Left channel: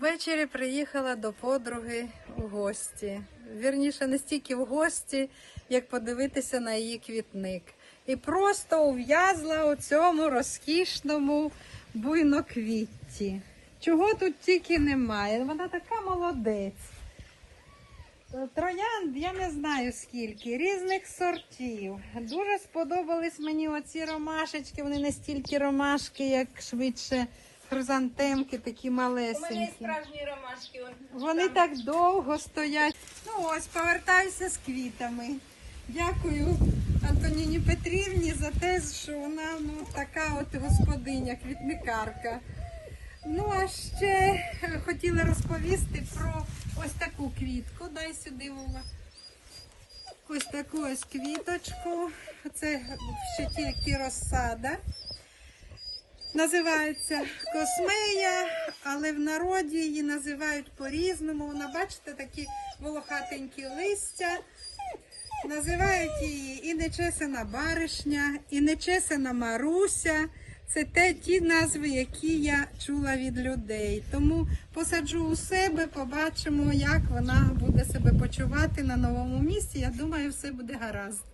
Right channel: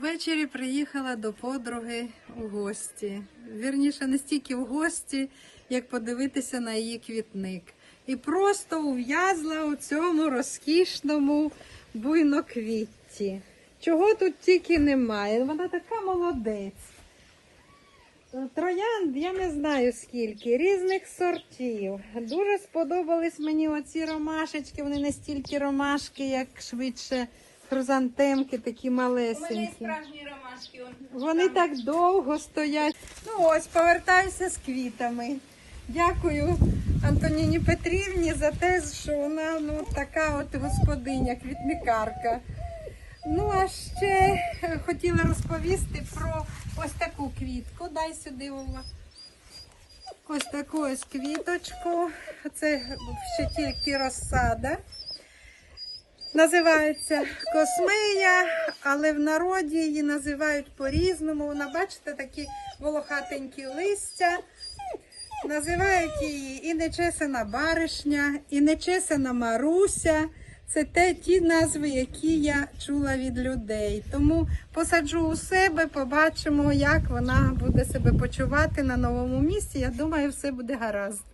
Ввечері приїхала до подруги у гості. Вірніше, не стільки в гості, як подивитися на її квітник. І просто ув'язла у цьому розкішному буйноквітці. Чого тут тільки немає. Вона така молодець. Е, Троянд я не знаю скільки, різних сортів. Дуже сподобались мені оці ромашечки, вони не стільки ромашки, як швидше хризантемки, такі малесенькі. Вони так довго стоять. Ну ось, повертаюся з квітами. Дякую Антоніні Петрівні за те, що вона ну, така от господиня, квітникарка. Ну, а ще хотіла розповісти про ось таку квітку. Дай сюди Ола. Ось таку ось квіточку. Це ще тільки розсада. Називається космея, але в народі її називають по-різному. Вона, бачите, такі волохатенькі листя. Називають її і нечесана баришня, і нечесана Маруся. Це те ті назви, які я чула від людей. Тому посаджу у себе, побачимо, як вона буде себе почувати на новому місці. Я думаю, все буде гаразд.